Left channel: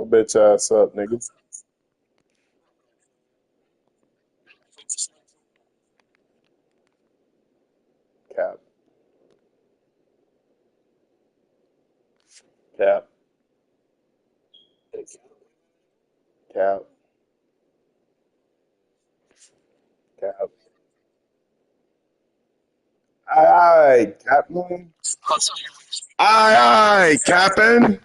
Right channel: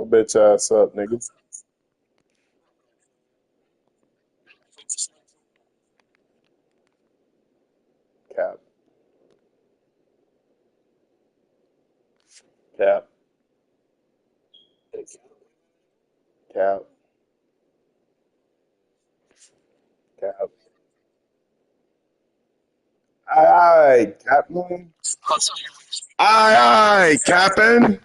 I bet your ass up, niggas. Cap, cap, cap, cap. Aye, Captain. Aye, Captain.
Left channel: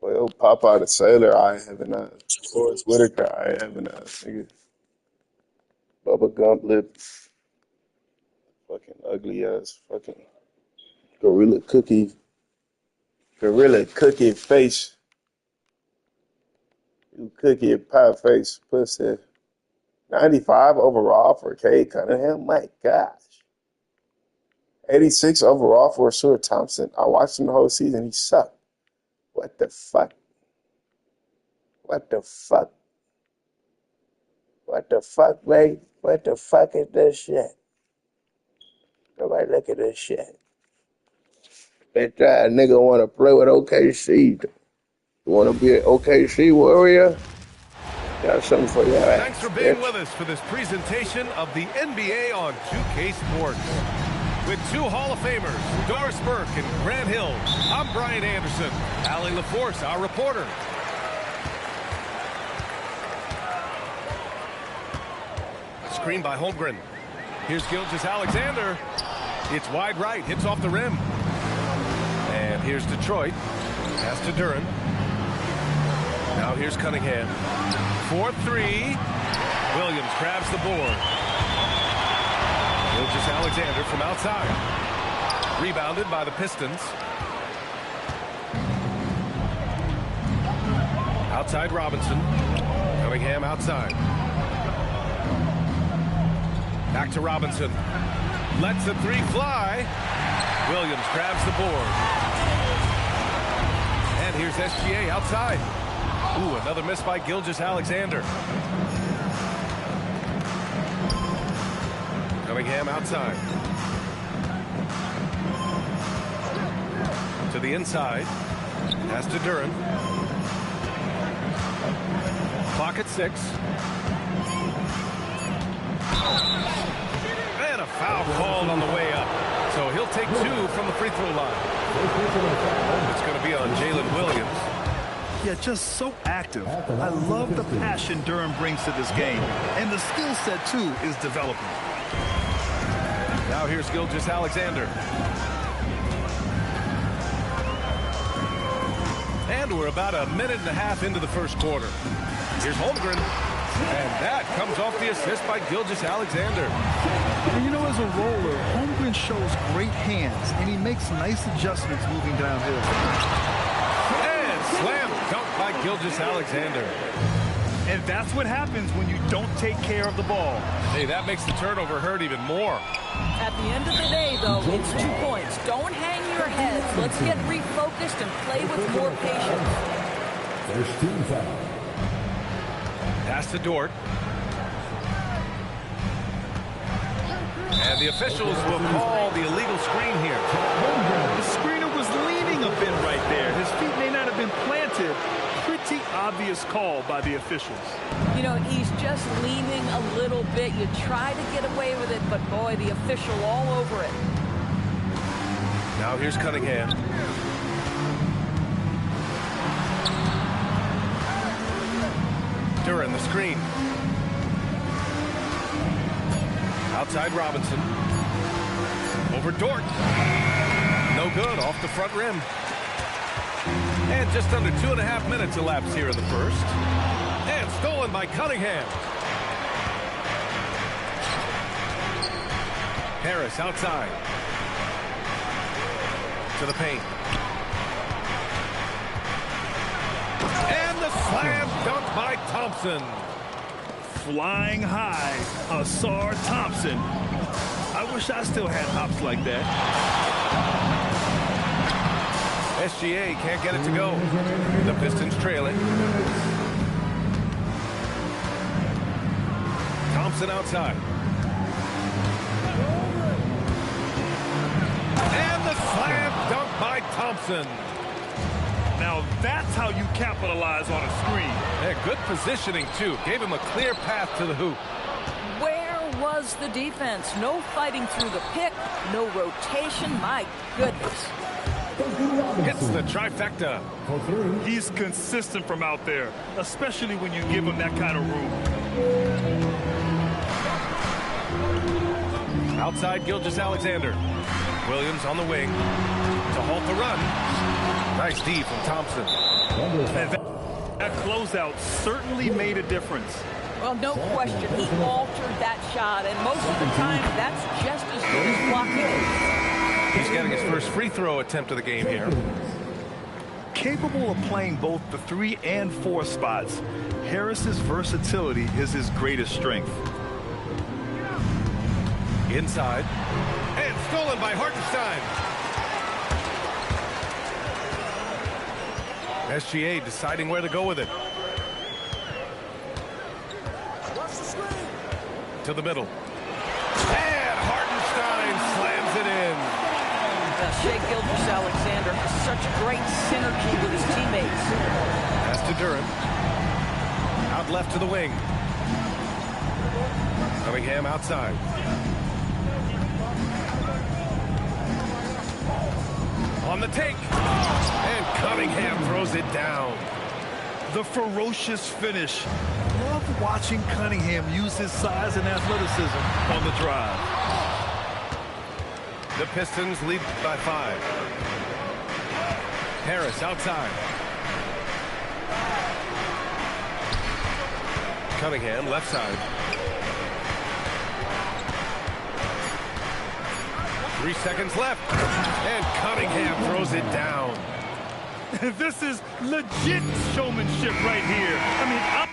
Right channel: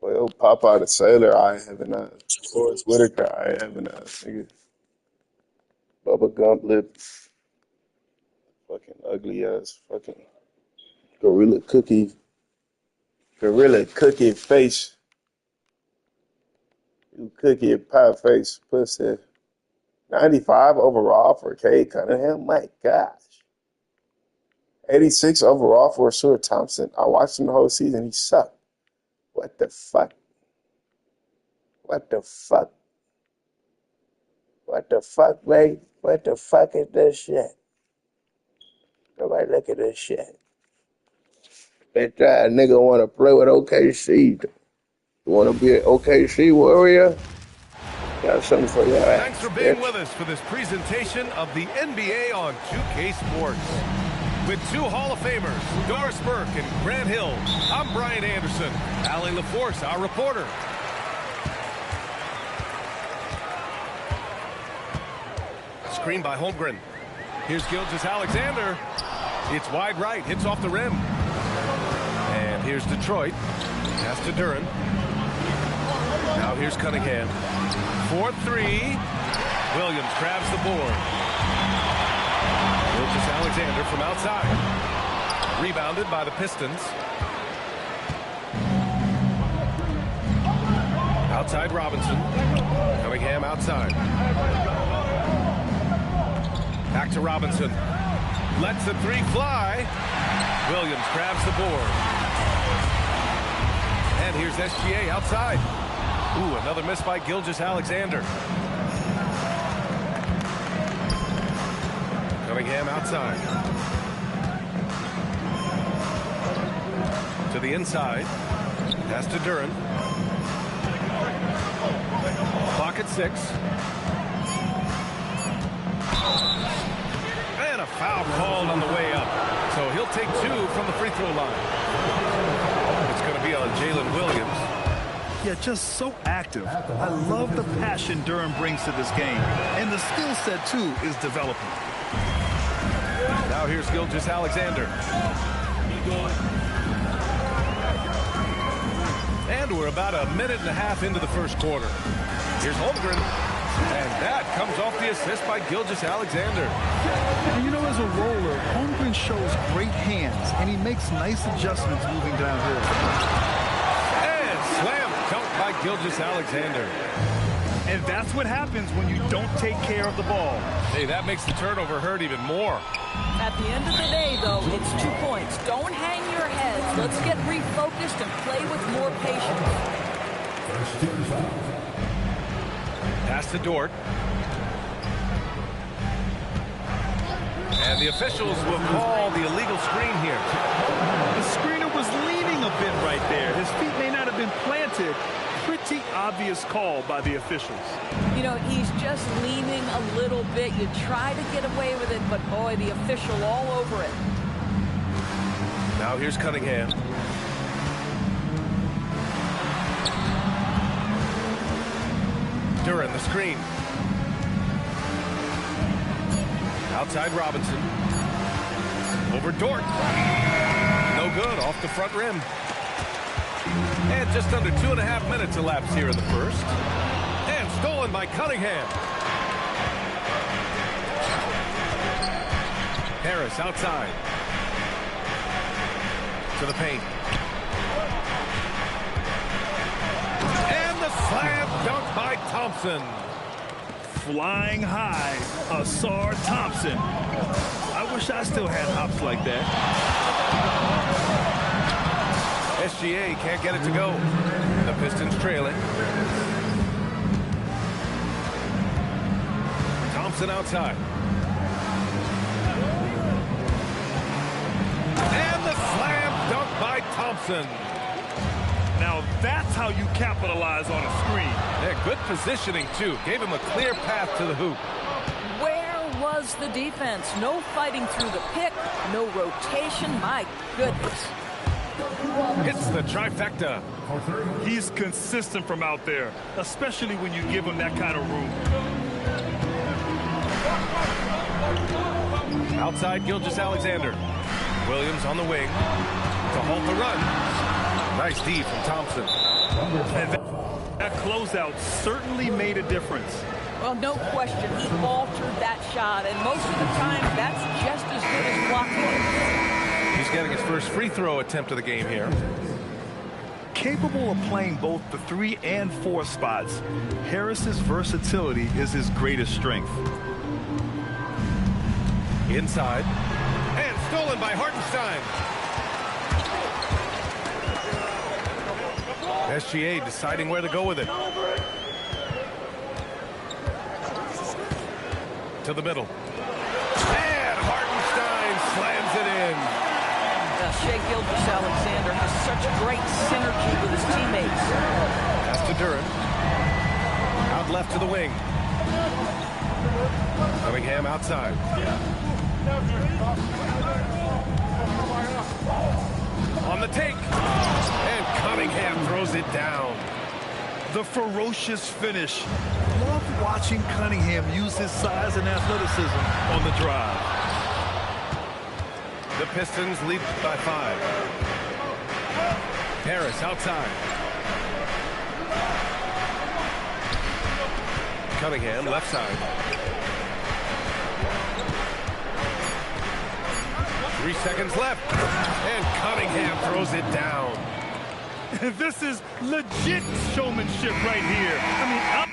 Well, Popeye the Sailor, I having a Forrest Whitaker, I having a nigga. Bubba Gump lip, fucking ugly ass, fucking gorilla cookie, gorilla cookie face, you cookie pie face, pussy. 95 overall for Cade Cunningham. My gosh. 86 overall for Stuart Thompson. I watched him the whole season. He sucked. What the fuck? What the fuck? What the fuck, mate? What the fuck is this shit? Nobody look at this shit. Bitch that nigga want to play with OKC. You want to be an OKC warrior? Got something for your ass. Thanks for being with us for this presentation of the NBA on 2K Sports. With two Hall of Famers, Doris Burke and Grant Hill, I'm Brian Anderson. Allie LaForce, our reporter. Screen by Holmgren. Here's Gilgeous-Alexander. It's wide right, hits off the rim. And here's Detroit. Pass to Duren. Now here's Cunningham. 4-3. Williams grabs the board. Gilgeous-Alexander from outside. Rebounded by the Pistons. Outside Robinson. Cunningham outside. Back to Robinson. Lets the three fly. Williams grabs the board. And here's SGA outside. Ooh, another miss by Gilgeous-Alexander. Cunningham outside. To the inside. Pass to Duren. Clock at 6. And a foul called on the way up. So he'll take 2 from the free throw line. It's going to be on Jalen Williams. Yeah, just so active. I love the passion Duren brings to this game. And the skill set, too, is developing. Now here's Gilgeous-Alexander. And we're about a minute and a half into the first quarter. Here's Holmgren. And that comes off the assist by Gilgeous-Alexander. And you know, as a roller, Holmgren shows great hands, and he makes nice adjustments moving downhill. And slam dunk by Gilgeous-Alexander. And that's what happens when you don't take care of the ball. Hey, that makes the turnover hurt even more. At the end of the day, though, it's 2 points. Don't hang your heads. Let's get refocused and play with more patience. First team foul. Pass to Dort. And the officials will call the illegal screen here. The screener was leaning a bit right there. His feet may not have been planted. Pretty obvious call by the officials. You know, he's just leaning a little bit. You try to get away with it, but boy, the official all over it. Now here's Cunningham. Duren the screen. Outside Robinson. Over Dort. No good, off the front rim. And just under 2.5 minutes elapsed here in the first. And stolen by Cunningham. Harris outside. To the paint. And the slam dunk by Thompson. Flying high, Asar Thompson. I wish I still had hops like that. SGA can't get it to go. The Pistons trailing. Thompson outside. And the slam dunk by Thompson. Now that's how you capitalize on a screen. Yeah, good positioning, too. Gave him a clear path to the hoop. Where was the defense? No fighting through the pick, no rotation. My goodness. Hits the trifecta. He's consistent from out there, especially when you give him that kind of room. Outside Gilgeous-Alexander. Williams on the wing to halt the run. Nice D from Thompson. And that closeout certainly made a difference. Well, no question, he altered that shot, and most of the time, that's just as good as blocking it. He's getting his first free throw attempt of the game here. Capable of playing both the 3 and 4 spots, Harris's versatility is his greatest strength. Inside. And stolen by Hartenstein. SGA deciding where to go with it. To the middle. And Hartenstein slams it in. Shai Gilgeous-Alexander has such great synergy with his teammates. Pass to Duran. Out left to the wing. Cunningham outside. On the take. And Cunningham throws it down. The ferocious finish. Love watching Cunningham use his size and athleticism on the drive. The Pistons lead by 5. Harris outside. Cunningham left side. 3 seconds left. And Cunningham throws it down. This is legit showmanship right here. I mean,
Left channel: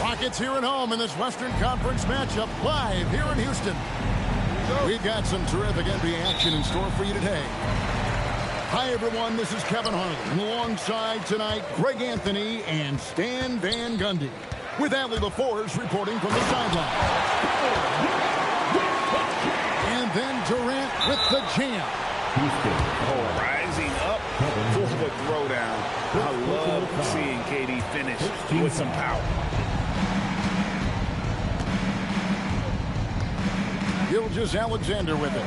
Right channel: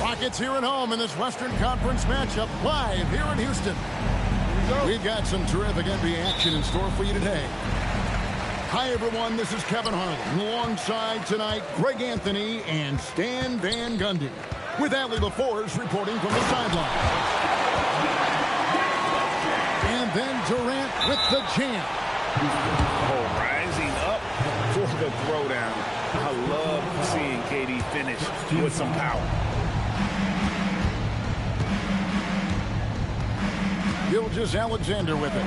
Rockets here at home in this Western Conference matchup, live here in Houston. We've got some terrific NBA action in store for you today. Hi, everyone. This is Kevin Harlan. Alongside tonight, Greg Anthony and Stan Van Gundy. With Allie LaForce reporting from the sidelines. And then Durant with the jam. Oh, rising up for the throwdown. I love seeing KD finish with some power. Gilgeous-Alexander with it.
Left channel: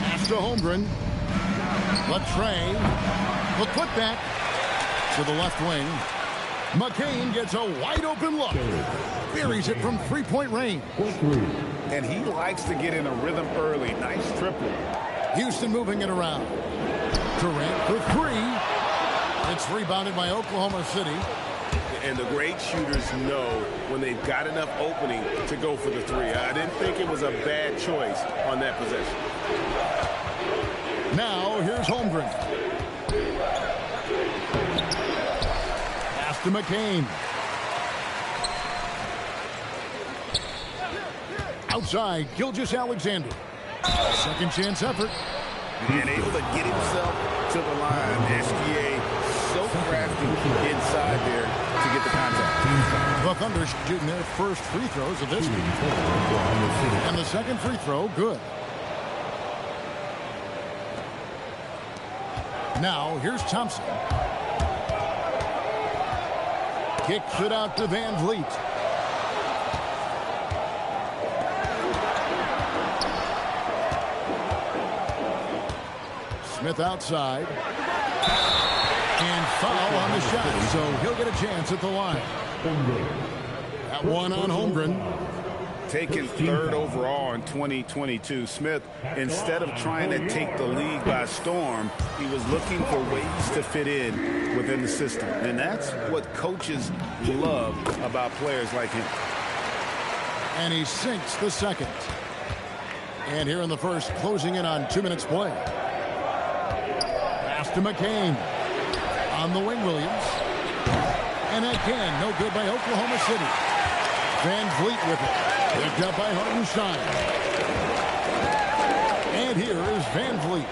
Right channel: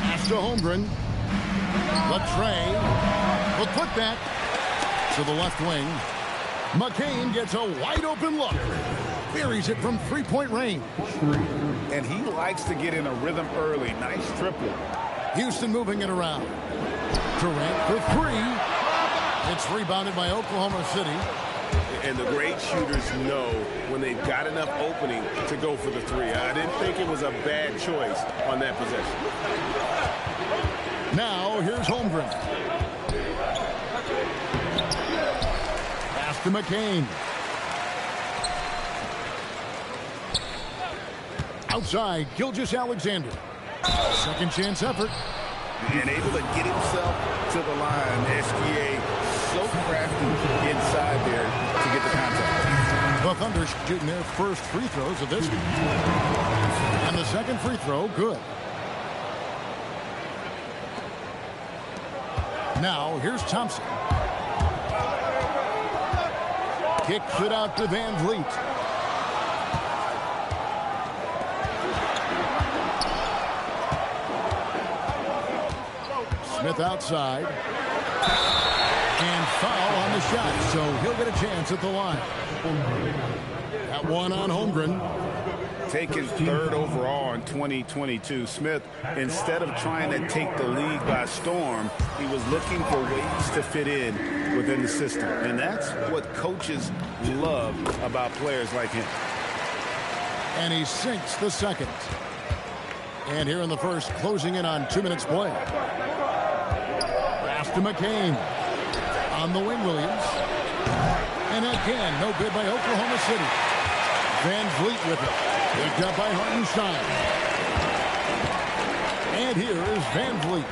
Pass to Holmgren. Latrey. The putback to the left wing. McCain gets a wide open look. Buries it from three-point range. And he likes to get in a rhythm early. Nice triple. Houston moving it around. Durant for three. It's rebounded by Oklahoma City. And the great shooters know when they've got enough opening to go for the three. I didn't think it was a bad choice on that possession. Now, here's Holmgren. Pass to McCain. Outside, Gilgeous-Alexander. Second chance effort. And able to get himself to the line. SGA so crafty inside there to get the contact. The Thunder shooting their first free throws of this game. And the second free throw, good. Now, here's Thompson. Kicks it out to Van Vliet. Smith outside. And foul on the shot, so he'll get a chance at the line. That one on Holmgren. Taken third overall in 2022, Smith, instead of trying to take the league by storm, he was looking for ways to fit in within the system. And that's what coaches love about players like him. And he sinks the second. And here in the first, closing in on 2 minutes play. Pass to McCain. On the wing, Williams. And again, no good by Oklahoma City. Van Vliet with it. Picked up by Hartenstein. And here is Van Vliet.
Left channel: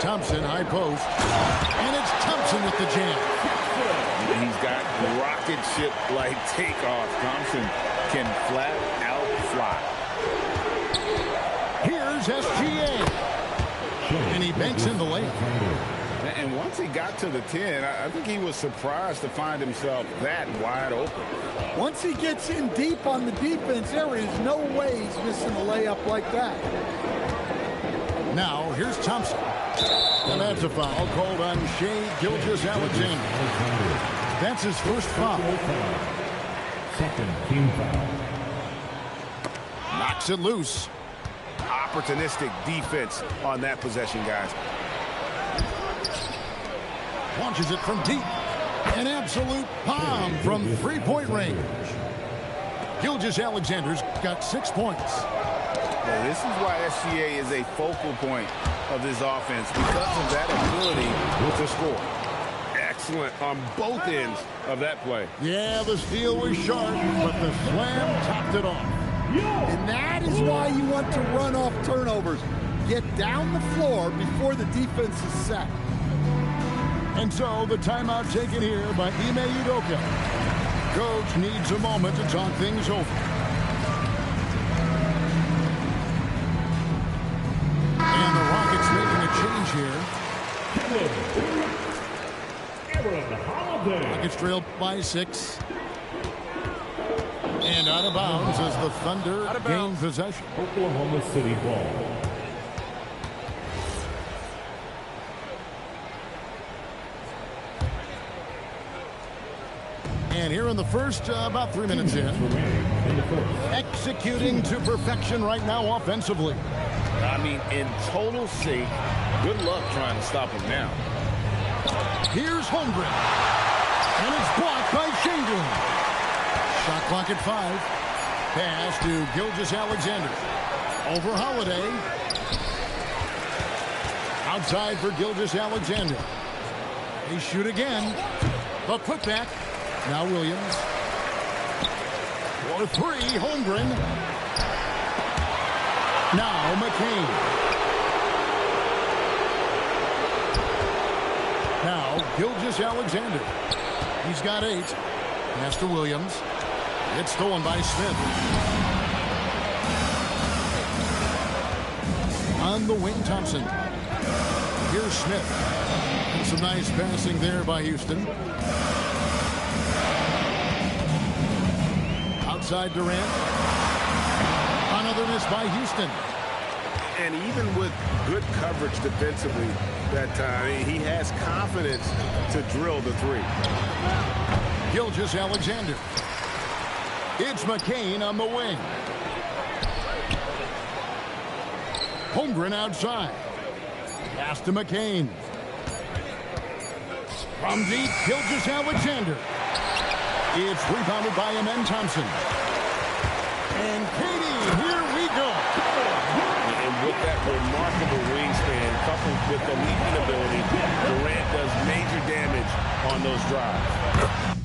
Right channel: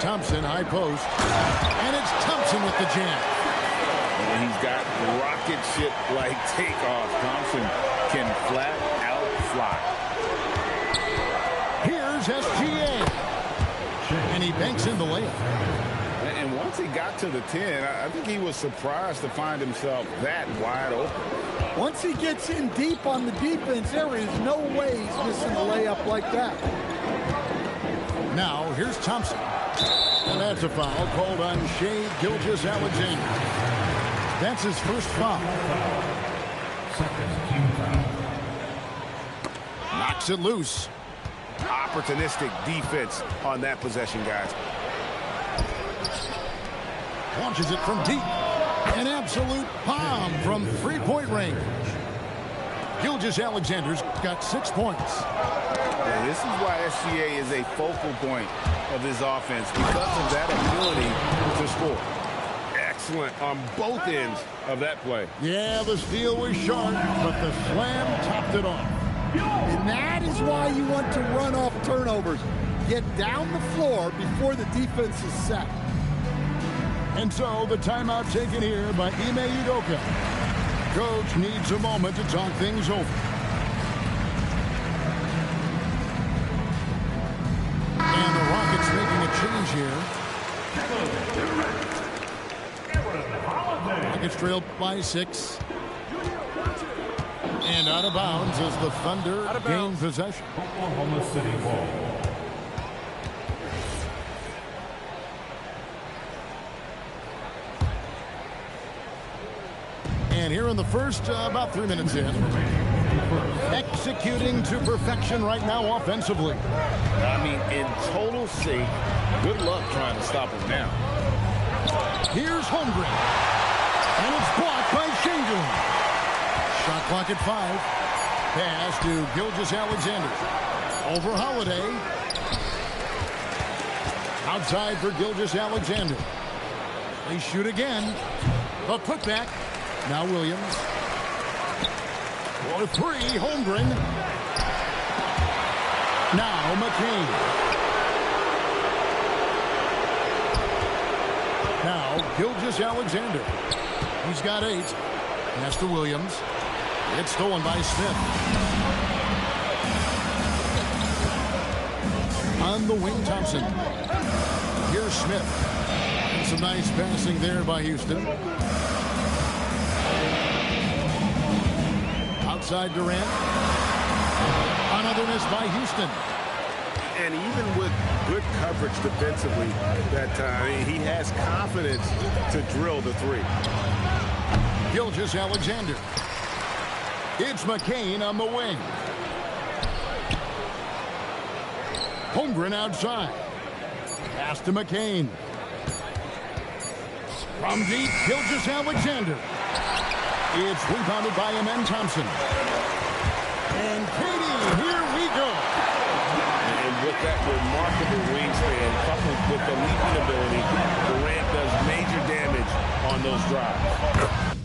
Thompson, high post. And it's Thompson with the jam. He's got rocket ship-like takeoff. Thompson can flat out fly. Here's SGA. And he banks in the layup. And once he got to the 10, I think he was surprised to find himself that wide open. Once he gets in deep on the defense, there is no way he's missing a layup like that. Now, here's Thompson. And that's a foul called on Shai Gilgeous-Alexander. That's his first foul. Second team foul. Knocks it loose. Opportunistic defense on that possession, guys. Launches it from deep. An absolute bomb from three-point range. Gilgeous-Alexander's got 6 points. Yeah, this is why SGA is a focal point of this offense, because of that ability to score. Excellent on both ends of that play. Yeah, the steal was sharp, but the slam topped it off. And that is why you want to run off turnovers. Get down the floor before the defense is set. And so the timeout taken here by Ime Udoka. Coach needs a moment to talk things over. And the Rockets making a change here. Rockets trail by 6. And out of bounds as the Thunder gain possession. Oklahoma City ball. And here in the first, about 3 minutes in. Executing to perfection right now offensively. I mean, in total sync. Good luck trying to stop him now. Here's Holmgren. And it's blocked by Schengen. Shot clock at 5. Pass to Gilgeous-Alexander. Over Holiday. Outside for Gilgeous-Alexander. They shoot again. The putback. Now Williams. For 3, Holmgren. Now McCain. Now Gilgeous-Alexander. He's got 8. Pass to Williams. It's stolen by Smith. On the wing, Thompson. Here's Smith. And some nice passing there by Houston. Outside Durant. Another miss by Houston. And even with good coverage defensively that time, he has confidence to drill the three. Gilgeous-Alexander. It's McCain on the wing. Holmgren outside. Pass to McCain. From deep, Gilgeous-Alexander. It's rebounded by Amen Thompson. And Katie, here we go. And with that remarkable wingspan, coupled with the leaping ability, Durant does major damage on those drives.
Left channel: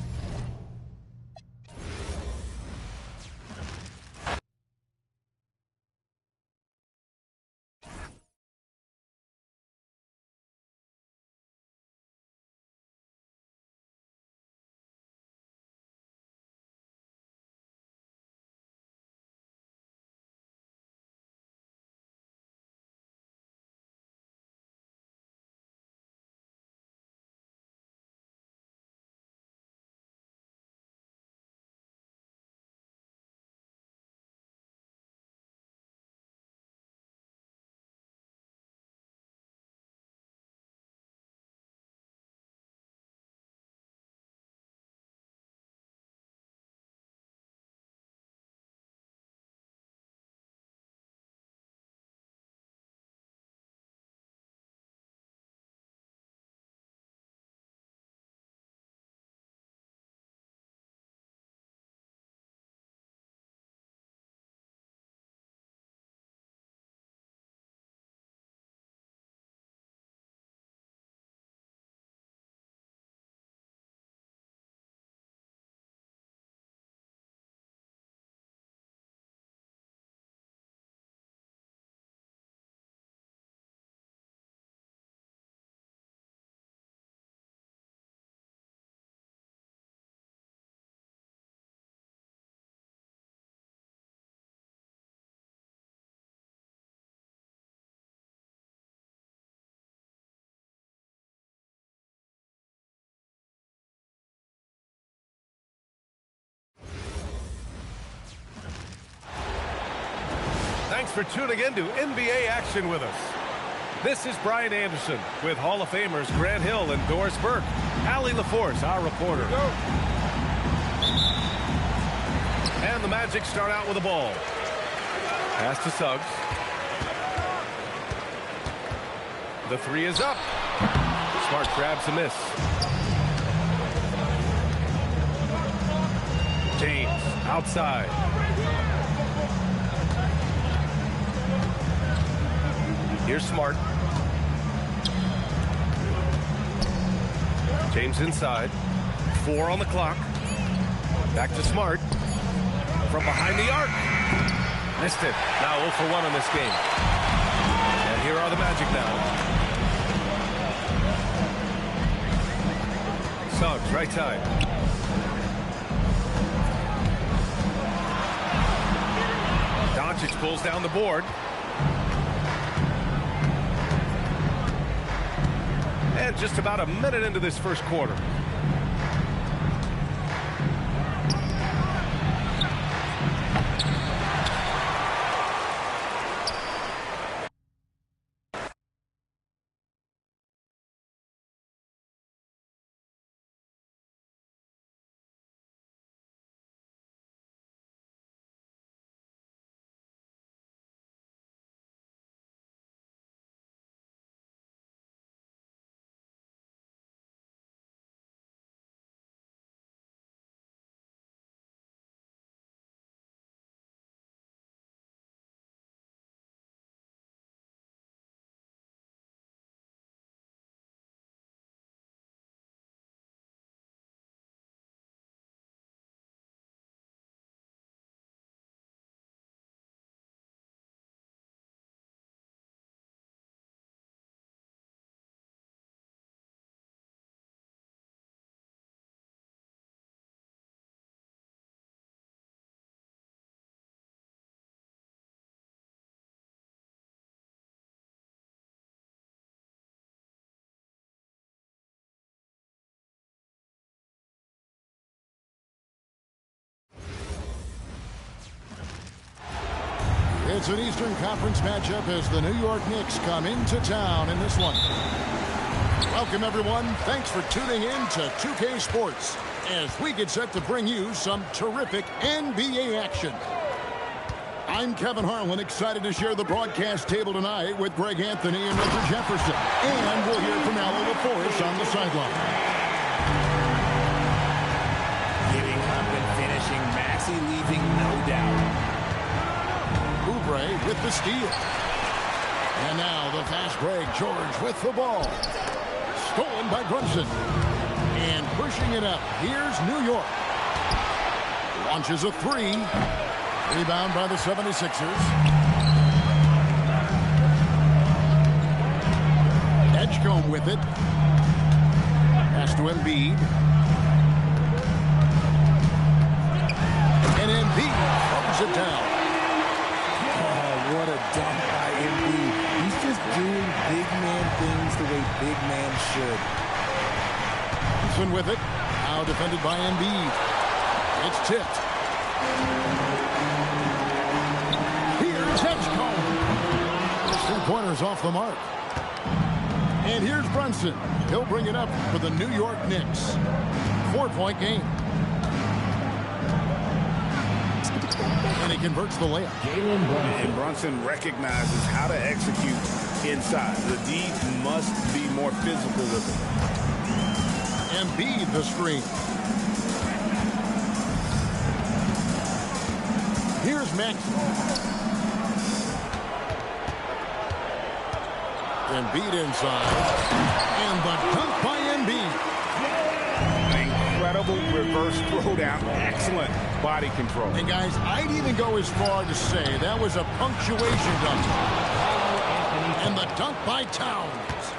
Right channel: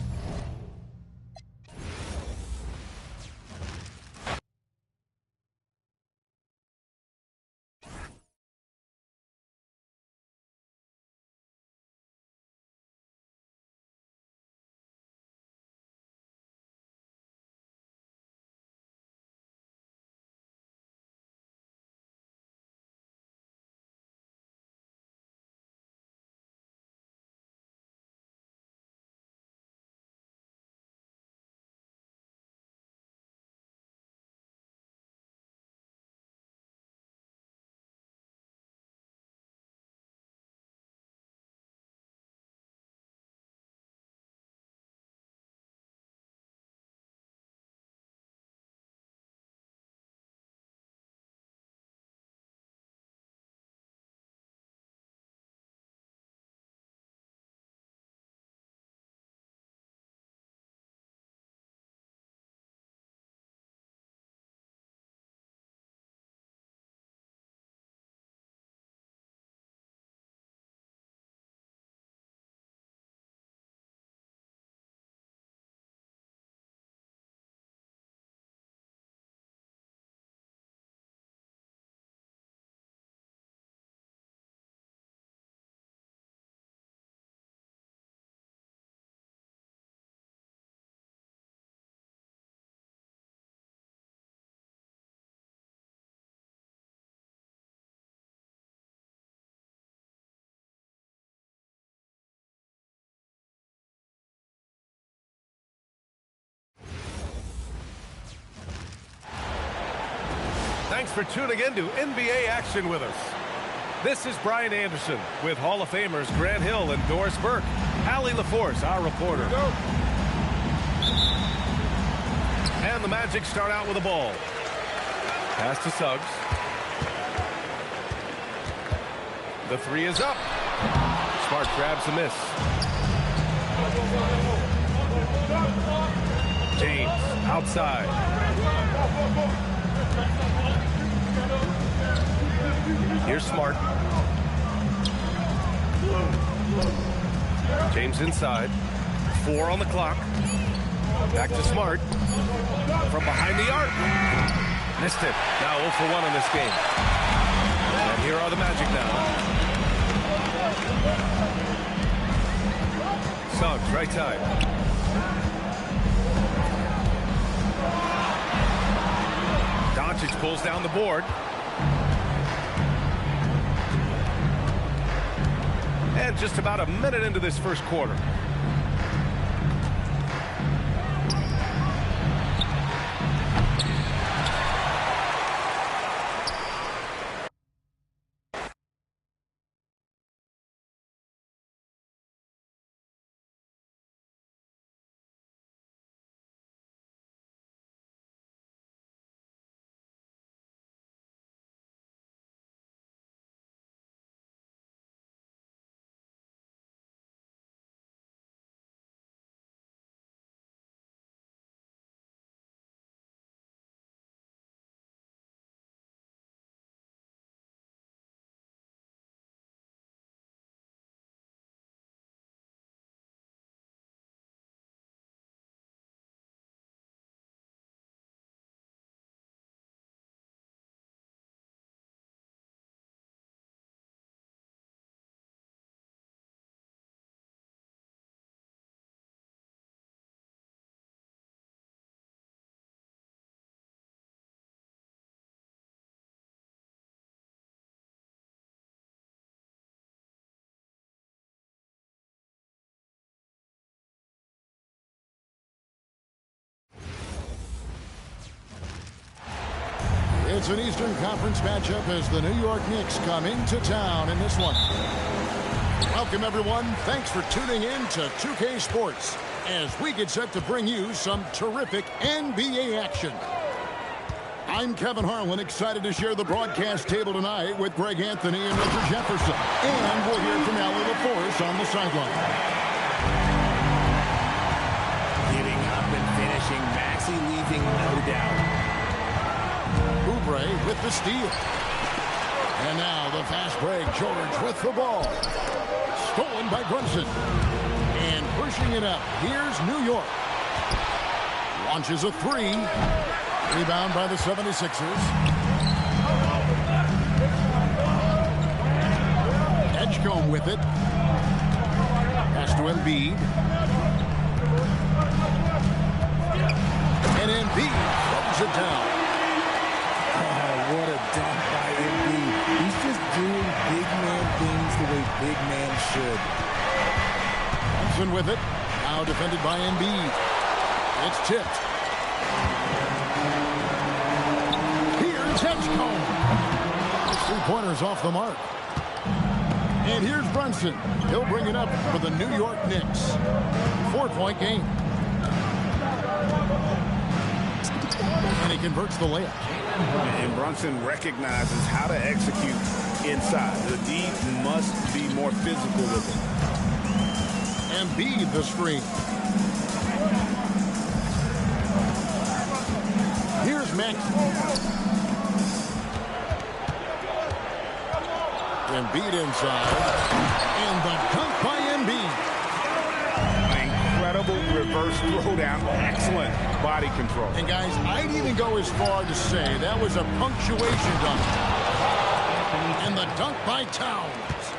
Thanks for tuning in to NBA action with us. This is Brian Anderson with Hall of Famers Grant Hill and Doris Burke. Allie LaForce, our reporter. And the Magic start out with a ball. Pass to Suggs. The three is up. Smart grabs a miss. James outside. Here's Smart. James inside. 4 on the clock. Back to Smart. From behind the arc. Missed it. Now 0 for 1 on this game. And here are the Magic now. Suggs, right side. Doncic pulls down the board. And just about a minute into this first quarter. It's an Eastern Conference matchup as the New York Knicks come into town in this one. Welcome, everyone. Thanks for tuning in to 2K Sports as we get set to bring you some terrific NBA action. I'm Kevin Harlan, excited to share the broadcast table tonight with Greg Anthony and Richard Jefferson. And we'll hear from Allie LaForce on the sideline. Getting up and finishing, Maxey leaving no doubt. Oubre with the steal. And now the fast break. George with the ball. Stolen by Brunson. And pushing it up. Here's New York. Launches a three. Rebound by the 76ers. Edgecombe with it. Pass to Embiid. And Embiid throws it down. Oh, what a dunk by Embiid. He's just doing big man things the way big man should. Thompson with it. Now defended by Embiid. It's tipped. Here's Edgecombe. His three-pointers off the mark. And here's Brunson. He'll bring it up for the New York Knicks. 4-point game. And he converts the layup. And Brunson recognizes how to execute inside. The D must be more physical with it. Embiid the screen. Here's Maxey. Embiid inside. And the dunk by Embiid. Incredible reverse throwdown. Excellent body control. And guys, I'd even go as far to say that was a punctuation dunk. And the dunk by Towns.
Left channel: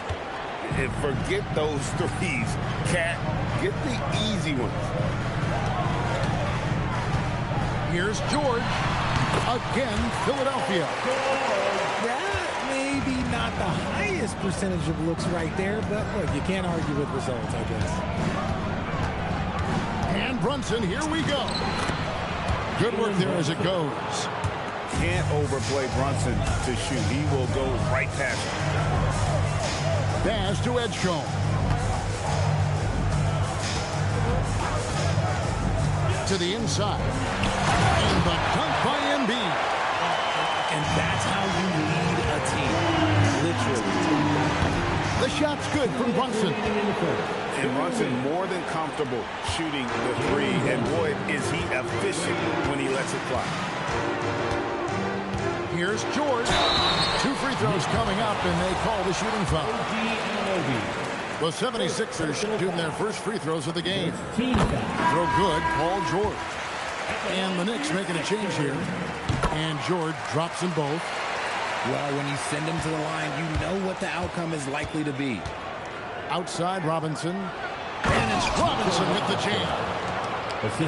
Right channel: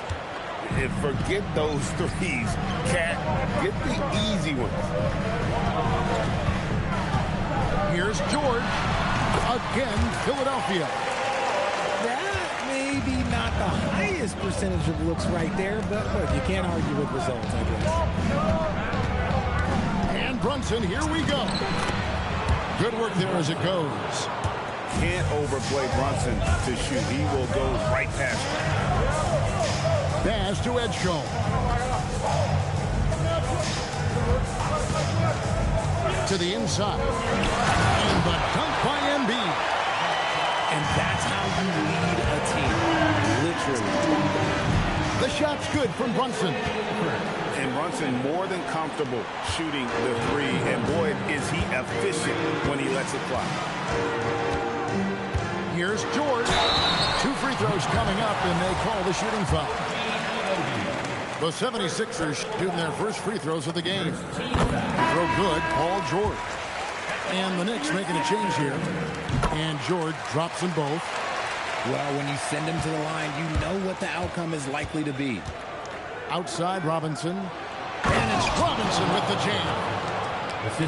And forget those threes, Cat. Get the easy ones. Here's George. Again, Philadelphia. That may be not the highest percentage of looks right there, but look, you can't argue with results, I guess. And Brunson, here we go. Good work there as it goes. Can't overplay Brunson to shoot. He will go right past him. Pass to Edgecombe. To the inside. And the dunk by Embiid. And that's how you lead a team. Literally. The shot's good from Brunson. And Brunson more than comfortable shooting the three. And boy, is he efficient when he lets it fly. Here's George. 2 free throws coming up, and they call the shooting foul. The 76ers shooting their first free throws of the game. Throw good, Paul George. And the Knicks making a change here. And George drops them both. Well, when you send him to the line, you know what the outcome is likely to be. Outside Robinson. And it's Robinson with the jam.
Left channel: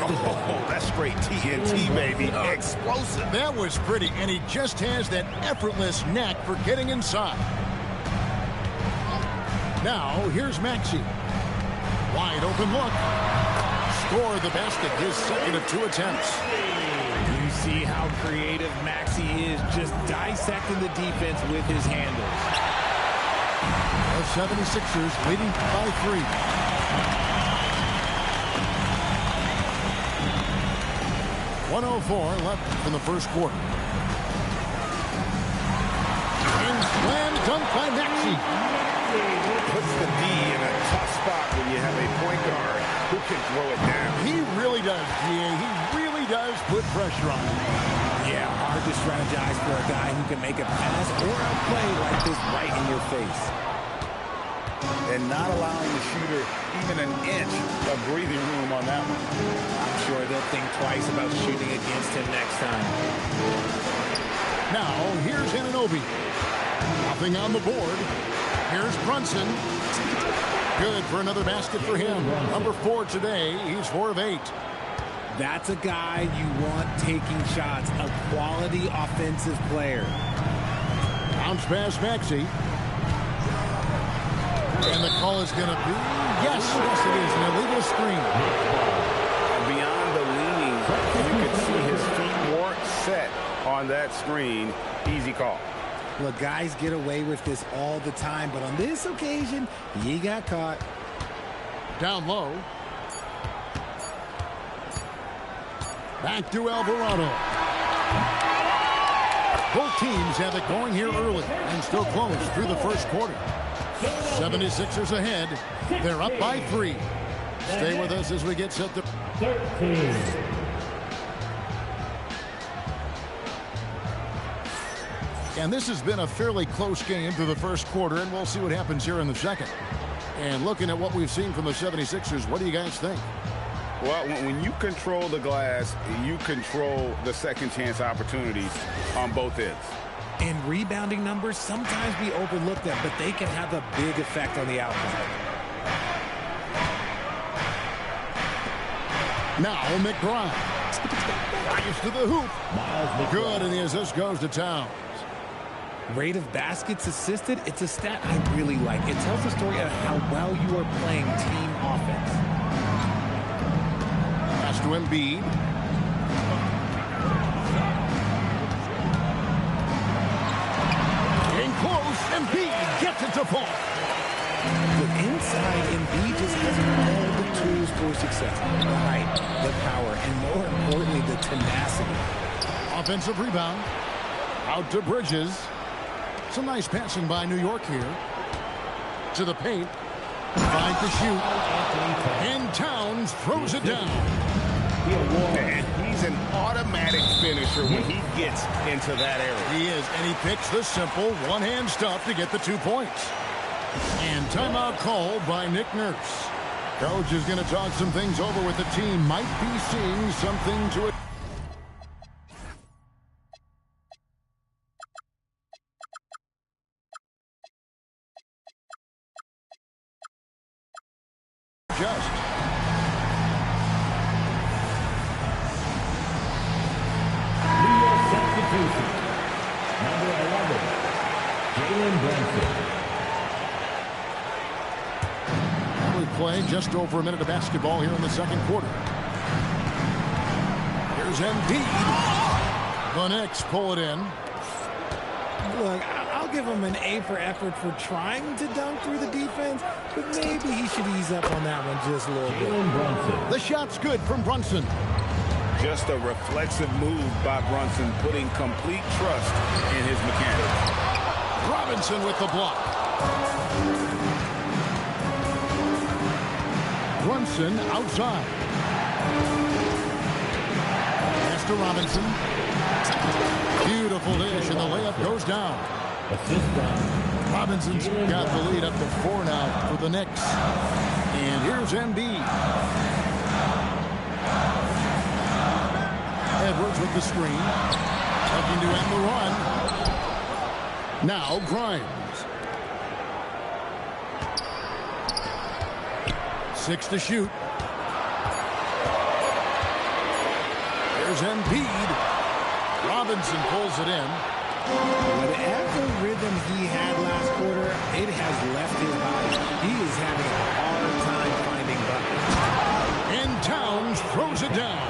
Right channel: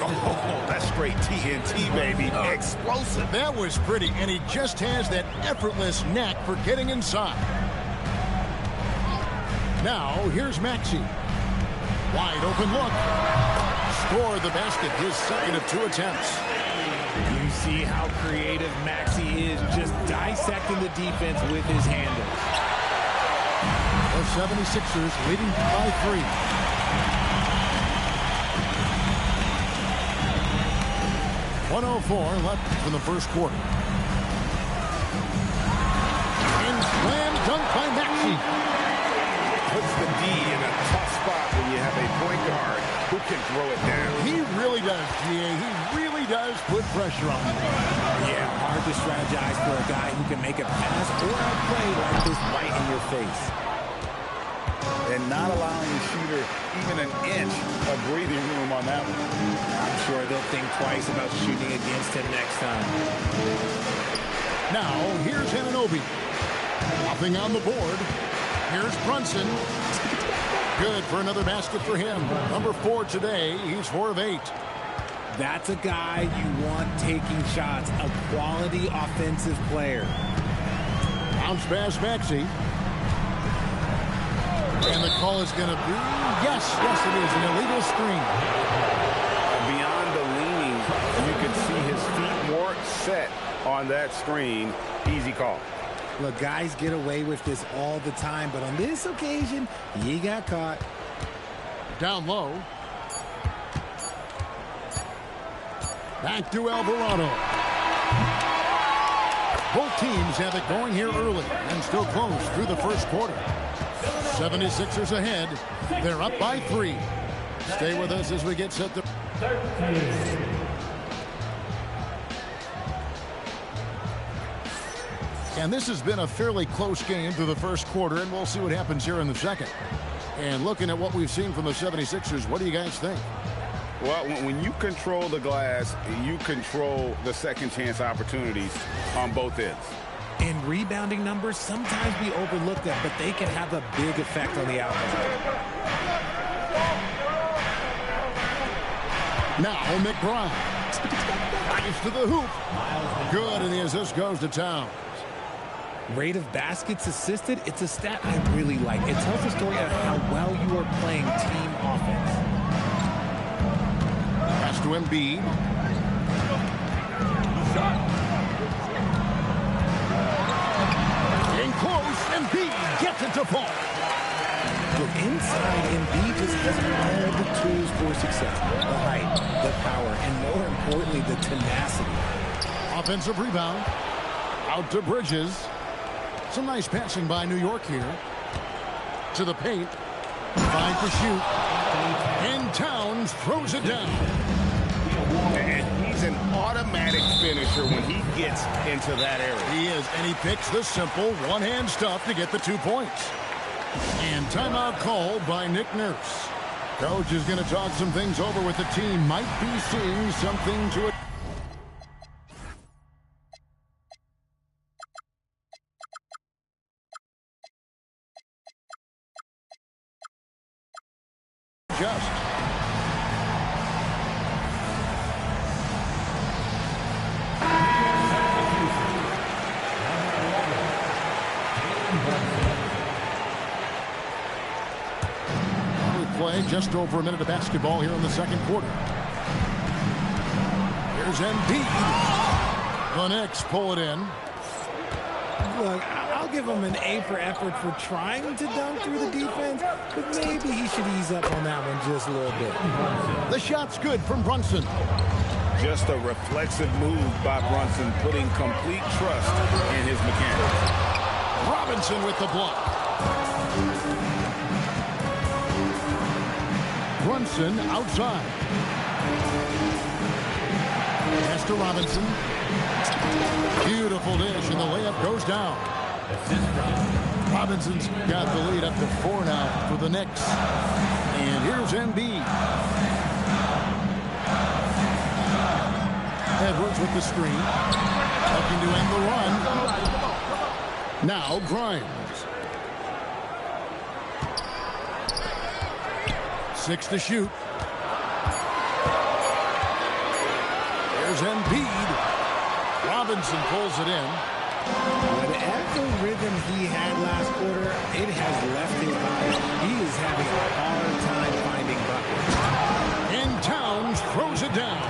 Oh, that's straight TNT, baby. Explosive. That was pretty, and he just has that effortless knack for getting inside. Now, here's Maxey. Wide open look. Score the basket, his second of 2 attempts. You see how creative Maxey is, just dissecting the defense with his handles. The 76ers leading by 3. .104 left in the first quarter. And slam dunk by Maxey. Puts the D in a tough spot when you have a point guard who can throw it down. He really does, GA. He really does put pressure on you. Yeah, hard to strategize for a guy who can make a pass or a play like this right in your face. And not allowing the shooter even an inch of breathing room on that one. I'm sure they'll think twice about shooting against him next time. Now, here's Anunoby. Nothing on the board. Here's Brunson. Good for another basket for him. Number 4 today. He's 4 of 8. That's a guy you want taking shots. A quality offensive player. Bounce pass Maxey. And the call is going to be, yes, it is, an illegal screen. Beyond the leaning, you can see his feet more set on that screen. Easy call. Look, guys get away with this all the time, but on this occasion, he got caught. Down low. Back to Alvarado. Both teams have it going here early and still close through the first quarter. 76ers ahead. They're up by 3. Stay with us as we get set to... 13. And this has been a fairly close game through the first quarter, and we'll see what happens here in the second. And looking at what we've seen from the 76ers, what do you guys think? Well, when you control the glass, you control the second chance opportunities on both ends. And rebounding numbers sometimes we overlook them, but they can have a big effect on the outcome. Now McBride. Drives to the hoop. Good, and the assist goes to Towns. Rate of baskets assisted, it's a stat I really like. It tells the story of how well you are playing team offense. Pass to Embiid. In close, Embiid gets it to fall. Look, inside, Embiid just has all the tools for success. The height, the power, and more importantly, the tenacity. Offensive rebound. Out to Bridges. Some nice passing by New York here. To the paint. Finds to shoot. And Towns throws it down. And he's an automatic finisher when he gets into that area. He is, and he picks the simple one-hand stuff to get the 2 points. And timeout called by Nick Nurse. Coach is going to talk some things over with the team. Might be seeing something to it. Just. Number 11, Jalen Brunson. We play just over a minute of basketball here in the second quarter. Here's Embiid. The Knicks pull it in. Look, I'll give him an A for effort for trying to dunk through the defense, but maybe he should ease up on that one just a little bit. The shot's good from Brunson. Just a reflexive move by Brunson, putting complete trust in his mechanics. Robinson with the block. Brunson outside. Pass to Robinson. Beautiful dish, and the layup goes down. Robinson's got the lead up to 4 now for the Knicks. And here's Embiid. Edwards with the screen. Looking to end the run. Now Grimes. 6 to shoot. There's Embiid. Robinson pulls it in. Whatever rhythm he had last quarter, it has left his body. He is having a hard time finding buckets. And Towns throws it down.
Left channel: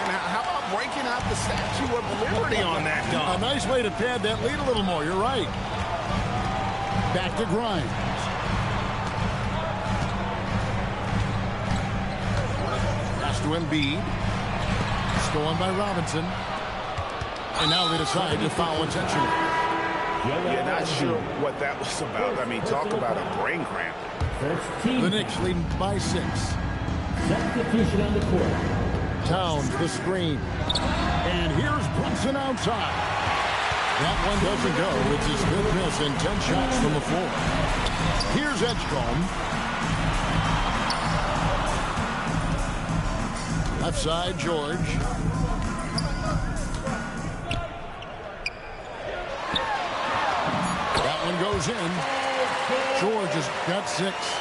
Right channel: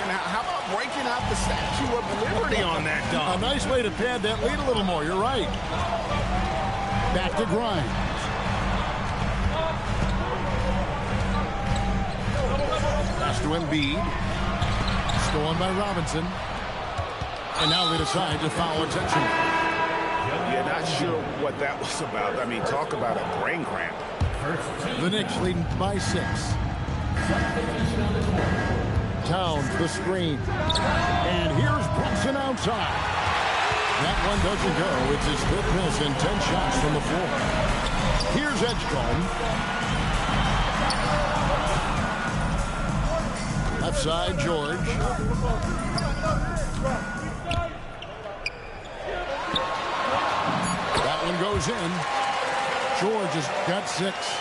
And how about breaking out the Statue of Liberty on that dunk? A nice way to pad that lead a little more. You're right. Back to Grimes. Pass to Embiid. Stolen by Robinson. And now they decide to foul intentionally. Yeah, not sure what that was about. I mean, talk about a brain cramp. The Knicks leading by 6. Substitution on the court. Towns the screen. And here's Brunson outside. That one doesn't go. It's his 5th miss and 10 shots from the floor. Here's Edgecombe. Left side, George. That one goes in. George has got 6.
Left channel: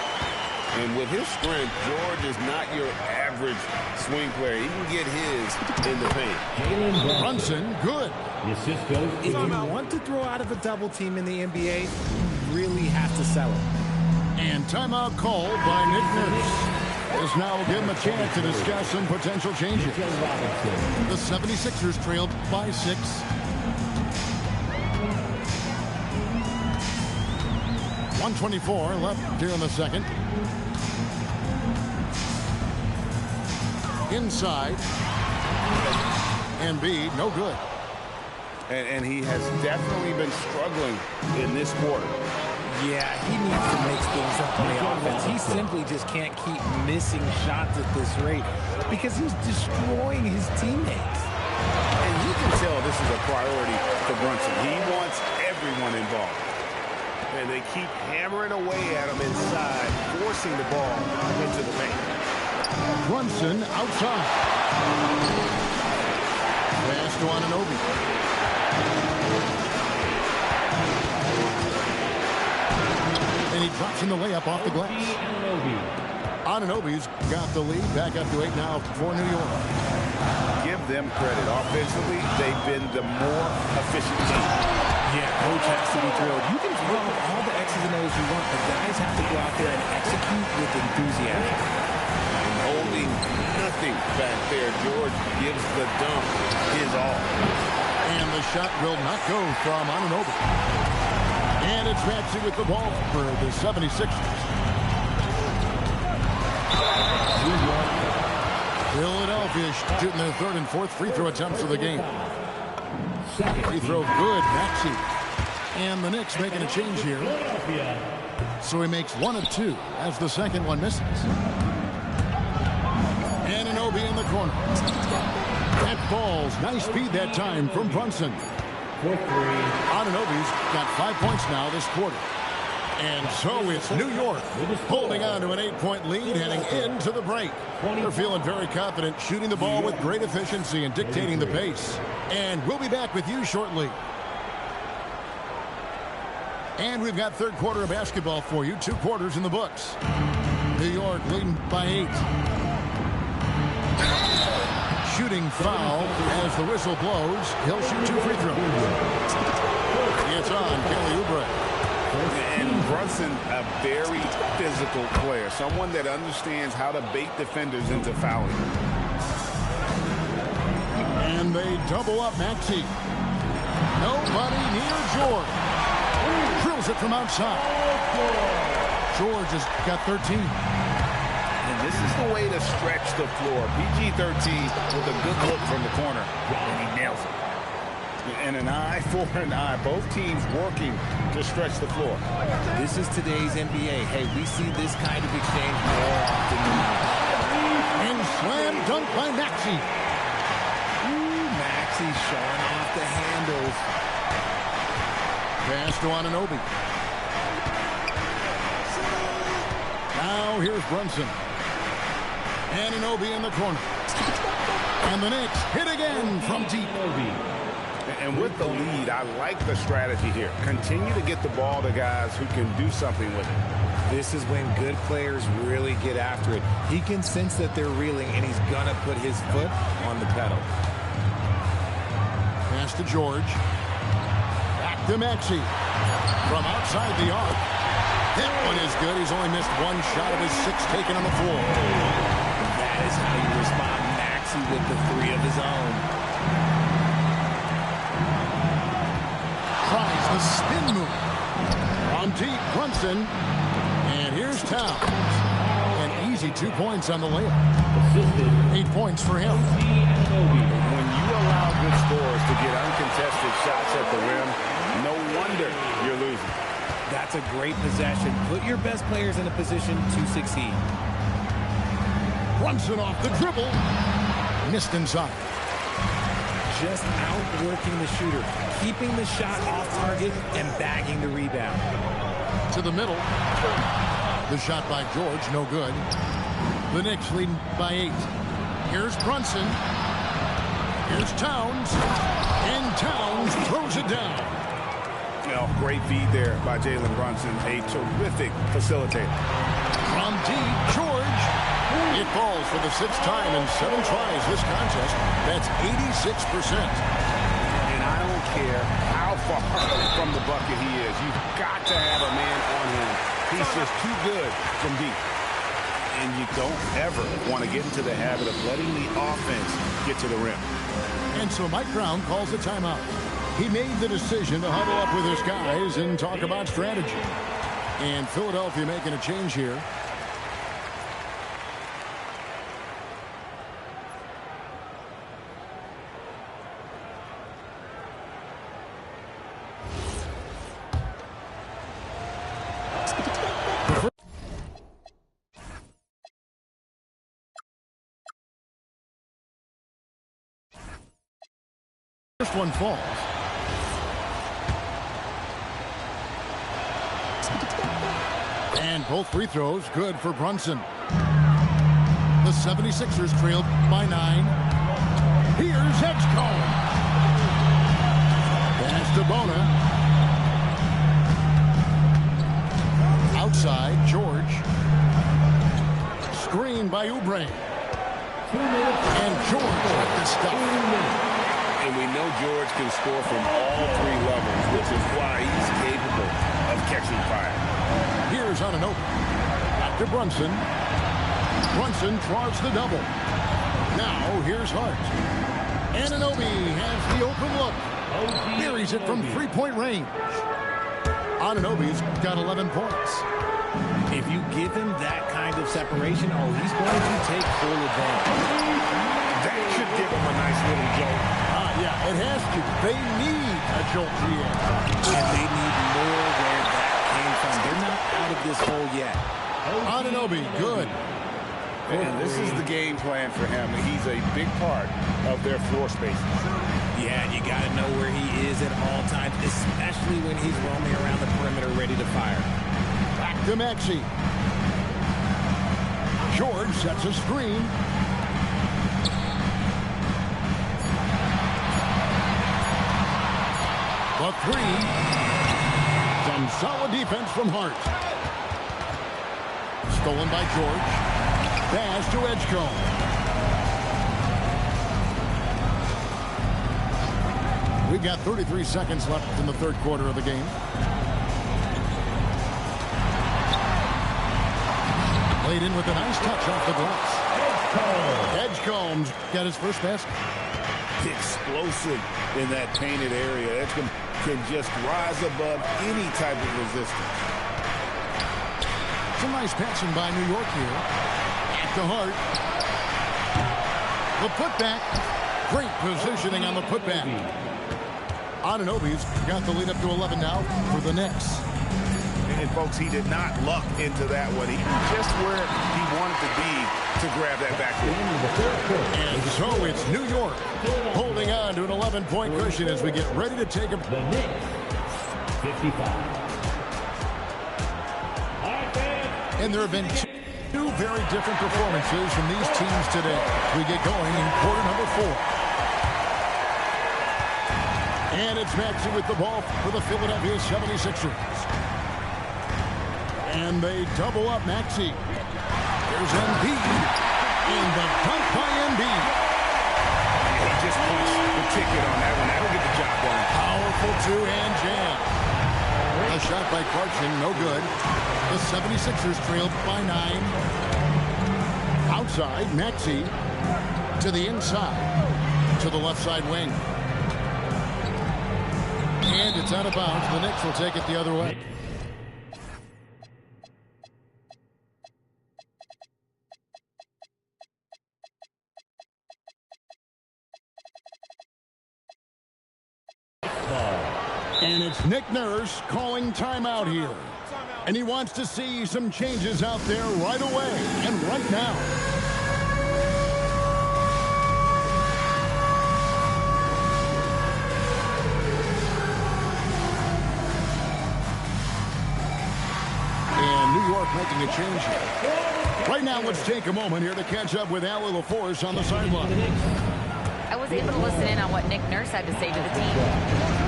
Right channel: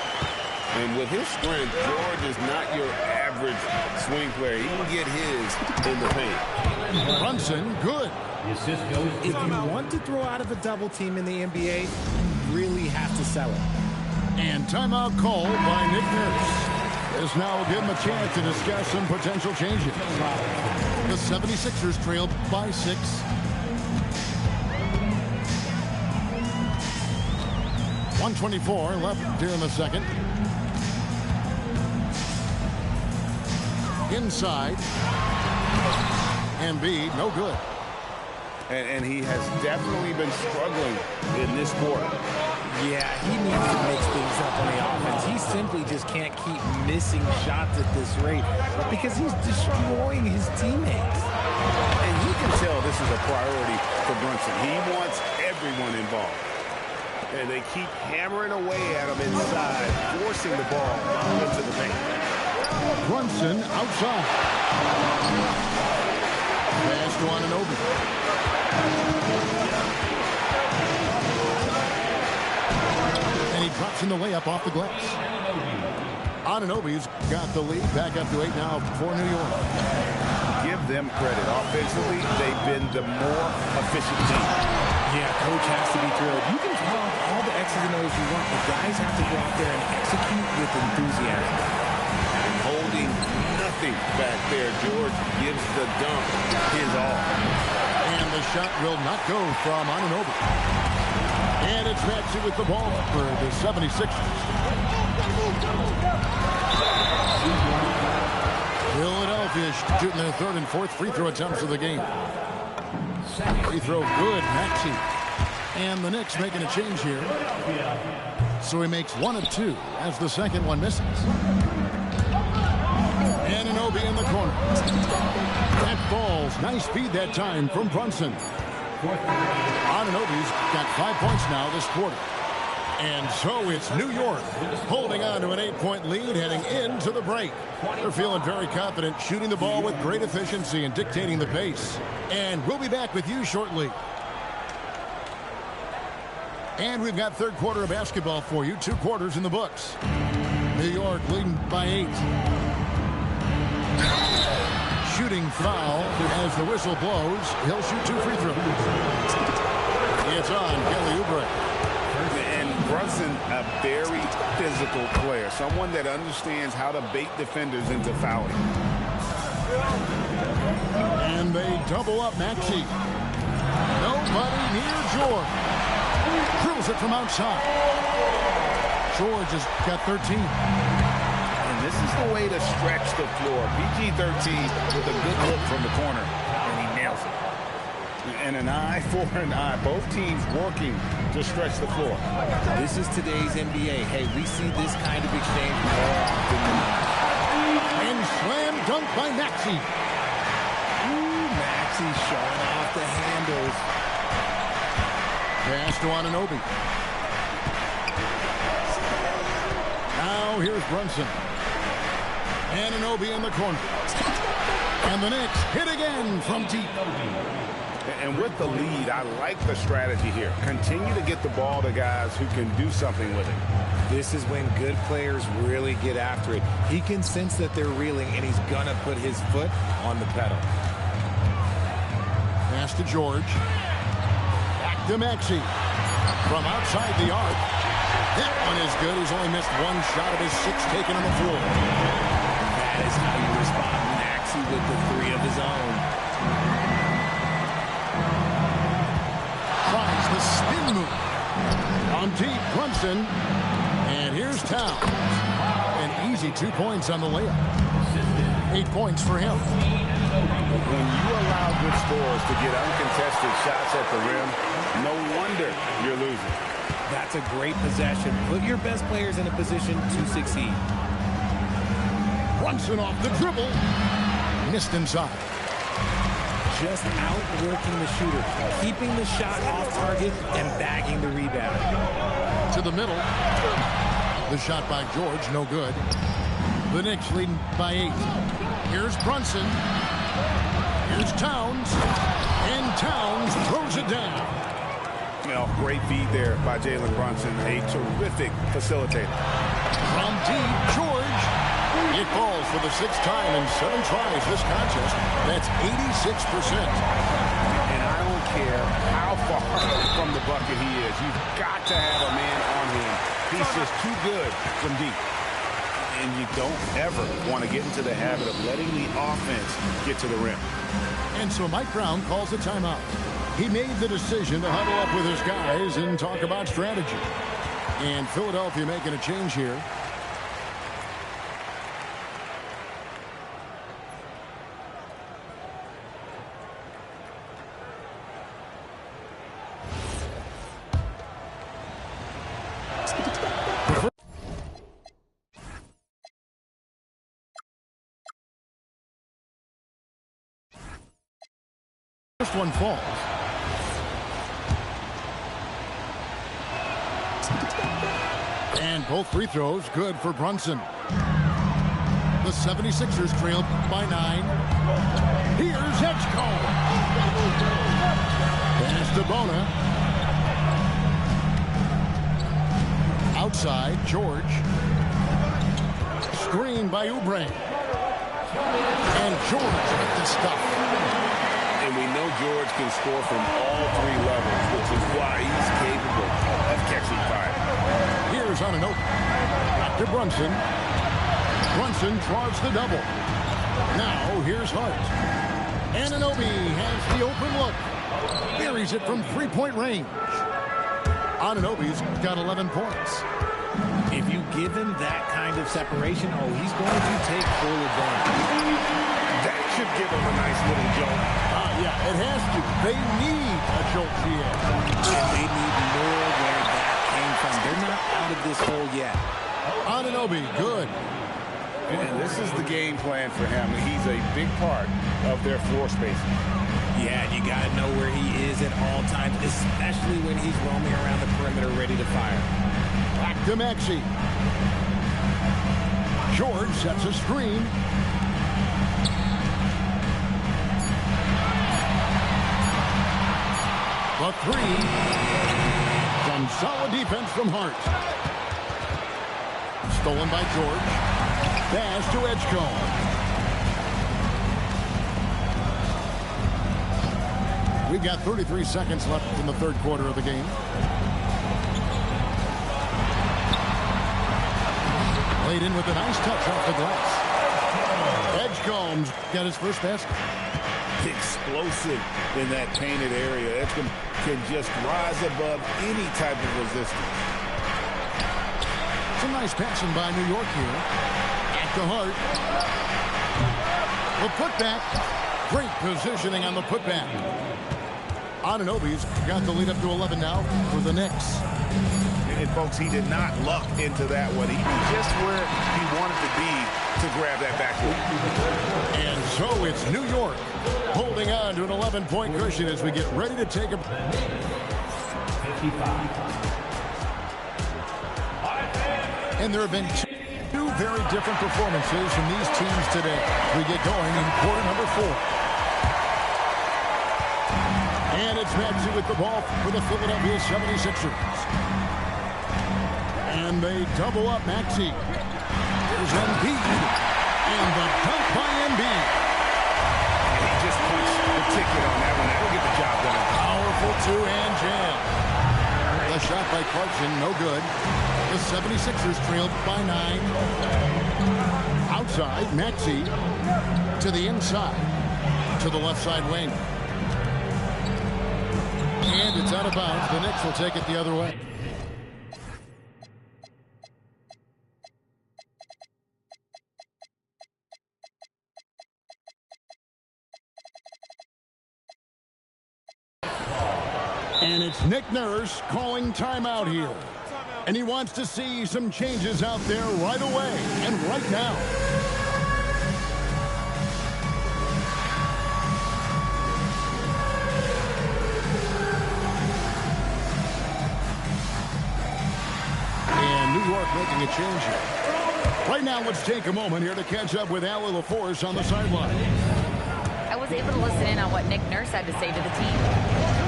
And with his strength, George is not your average swing player. He can get his in the paint. Brunson, good. If you want to throw out of a double team in the NBA, you really have to sell it. And timeout called by Nick Nurse. This now will give him a chance to discuss some potential changes. The 76ers trailed by 6. .124 left here in the second. Inside. Embiid, no good. And he has definitely been struggling in this quarter. Yeah, he needs to mix things up on the offense. He simply just can't keep missing shots at this rate because he's destroying his teammates. And you can tell this is a priority for Brunson. He wants everyone involved. And they keep hammering away at him inside, forcing the ball into the paint. Brunson outside. Pass to Anunoby. And he drops in the layup off the glass. Anunoby's got the lead. Back up to 8 now for New York. Give them credit. Offensively, they've been the more efficient team. Yeah, coach has to be thrilled. You can draw up all the X's and O's you want, but guys have to go out there and execute with enthusiasm. And holding nothing back there, George gives the dunk his all. And the shot will not go from Anunoby. And it's Maxey with the ball for the 76ers. Philadelphia shooting their 3rd and 4th free throw attempts of the game. Free throw good, Maxey. And the Knicks making a change here. So he makes 1 of 2 as the second one misses. Anunoby in the corner. That falls. Nice feed that time from Brunson. Anunoby's got 5 points now this quarter. And so it's New York holding on to an 8-point lead heading into the break. They're feeling very confident, shooting the ball with great efficiency and dictating the pace. And we'll be back with you shortly. And we've got third quarter of basketball for you. 2 quarters in the books. New York leading by 8. Shooting foul as the whistle blows. He'll shoot 2 free throws. It's on Kelly Oubre. And Brunson, a very physical player. Someone that understands how to bait defenders into fouling. And they double up Maxey. Nobody near George. Drills it from outside. George has got 13. And this is the way to stretch the floor. PG-13 with a good look from the corner. And he nails it. And an eye for an eye. Both teams working to stretch the floor. This is today's NBA. Hey, we see this kind of exchange more often than not. And slam dunk by Maxey. Ooh, Maxey showing off the handles. Pass to Anunoby. Now here's Brunson. Anunoby in the corner. And the Knicks hit again from deep. And with the lead, I like the strategy here. Continue to get the ball to guys who can do something with it. This is when good players really get after it. He can sense that they're reeling, and he's going to put his foot on the pedal. Pass to George. Back to Maxey. From outside the arc. That one is good. He's only missed 1 shot of his 6 taken on the floor. That is how you respond. Maxey with the 3 of his own. Tries the spin move. From deep, Brunson. And here's Towns. An easy 2 points on the layup. 8 points for him. When you allow good scorers to get uncontested shots at the rim, no wonder you're losing. That's a great possession. Put your best players in a position to succeed. Brunson off the dribble. Missed inside. Just outworking the shooter, keeping the shot off target and bagging the rebound. To the middle. The shot by George, no good. The Knicks leading by 8. Here's Brunson. Here's Towns. And Towns throws it down. Well, great feed there by Jalen Brunson. A terrific facilitator. From deep, George. It falls for the 6th time in 7 tries this contest. That's 86%. And I don't care how far from the bucket he is. You've got to have a man on him. He's just too good from deep. And you don't ever want to get into the habit of letting the offense get to the rim. And so Mike Brown calls a timeout. He made the decision to huddle up with his guys and talk about strategy. And Philadelphia making a change here. First one falls. And both free throws good for Brunson. The 76ers trail by 9. Here's Edgecombe. Pass to Bona. Outside, George. Screen by Oubre. And George with the stuff. And we know George can score from all 3 levels, which is why he's capable of catching fire. Here's Anunoby. Back to Brunson. Brunson draws the double. Now here's Hart. Anunoby has the open look. Buries it from 3-point range. Anunoby's got 11 points. If you give him that kind of separation, he's going to take full advantage. That should give him a nice little jolt. Yeah, it has to. They need a jolt, GM. And they need more where that came from. They're not out of this hole yet. Anunoby, good. And this is the game plan for him. He's a big part of their floor spacing. Yeah, you got to know where he is at all times, especially when he's roaming around the perimeter ready to fire. Back to Maxey. George sets a screen. The 3. Some solid defense from Hart. Stolen by George. Pass to Edgecombe. We've got 33 seconds left in the third quarter of the game. Played in with a nice touch off the glass. Edgecombe's got his first basket. Explosive in that painted area. Edgecombe can just rise above any type of resistance. Some nice passing by New York here. At the Hart. The putback. Great positioning on the putback. Anunoby's got the lead up to 11 now for the Knicks. And folks, he did not luck into that one. He was just where he wanted to be to grab that backboard. And so it's New York holding on to an 11-point cushion as we get ready to take a... 55. And there have been two very different performances from these teams today. We get going in quarter number 4. And it's Maxey with the ball for the Philadelphia 76ers. And they double up Maxey. Here's Embiid. And the dunk by Embiid. And he just punched the ticket on that one. That'll get the job done. Powerful two-hand jam. A shot by Clarkson, no good. The 76ers trailed by 9. Outside, Maxey to the inside, to the left side wing. And it's out of bounds. The Knicks will take it the other way. And it's Nick Nurse calling timeout here. And he wants to see some changes out there right away and right now. And New York making a change here. Right now, let's take a moment here to catch up with Allie LaForce on the sideline. I was able to listen in on what Nick Nurse had to say to the team.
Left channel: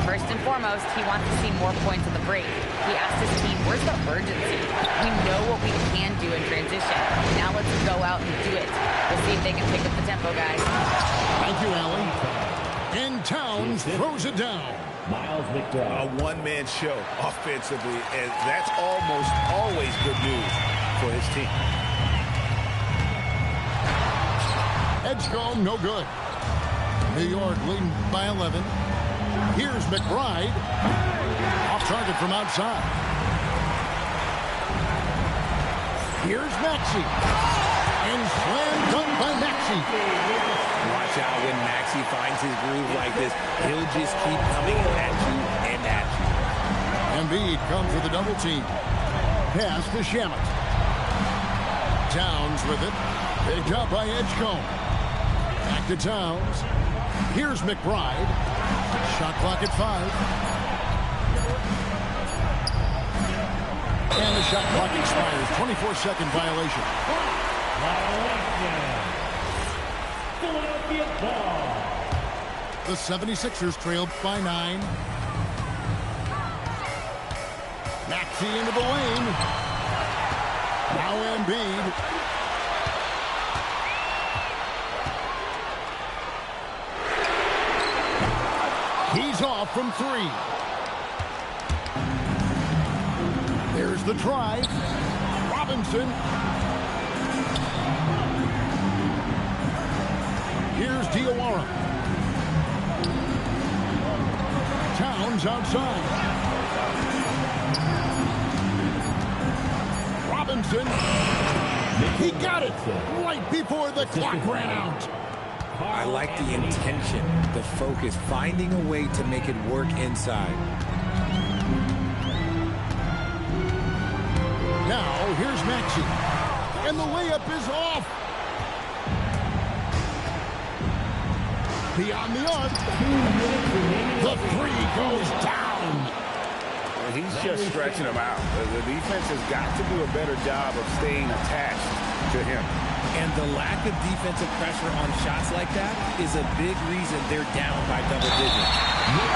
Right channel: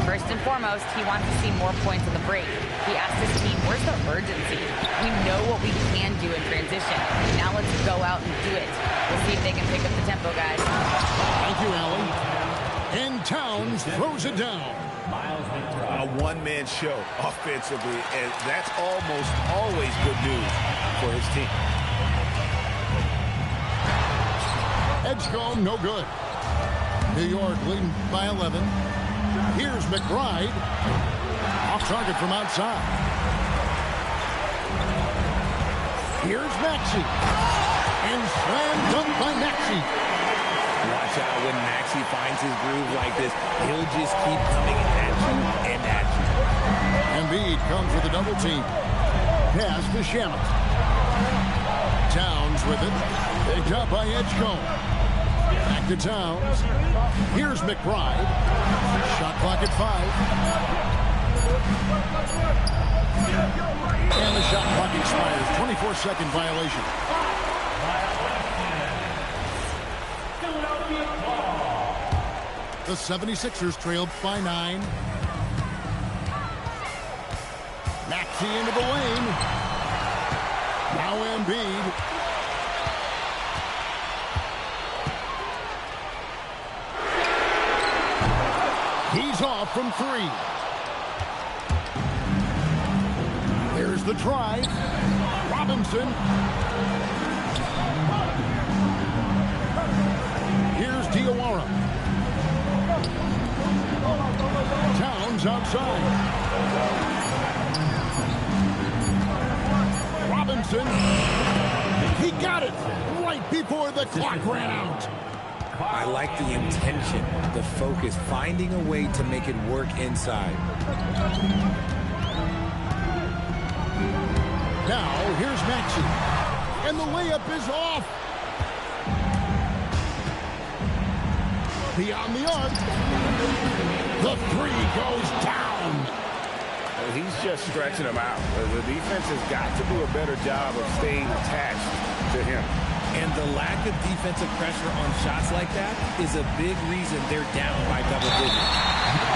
First and foremost, he wants to see more points on the break. He asked his team, where's the urgency? We know what we can do in transition. Now let's go out and do it. We'll see if they can pick up the tempo, guys. Thank you, Allie. And Towns throws it down. Miles McBride. A one-man show offensively, and that's almost always good news for his team. Edgecombe, no good. New York leading by 11. Here's McBride. Off target from outside. Here's Maxey. And slam dunk by Maxey. Watch out when Maxey finds his groove like this. He'll just keep coming at you and at you. Embiid comes with a double team. Pass to Shamet. Towns with it. Picked up by Edgecombe. Back to Towns. Here's McBride. Shot clock at 5. And the shot clock expires. 24-second violation. Philadelphia ball. The 76ers trailed by 9. Maxey into the lane. Now Embiid. He's off from 3. There's the drive. Robinson. Here's Diawara. Towns outside. Robinson. He got it right before the clock ran out. I like the intention, the focus, finding a way to make it work inside. Now, here's Maxey. And the layup is off. Beyond the arc. The 3 goes down. He's just stretching him out. The defense has got to do a better job of staying attached to him. And the lack of defensive pressure on shots like that is a big reason they're down by double digits.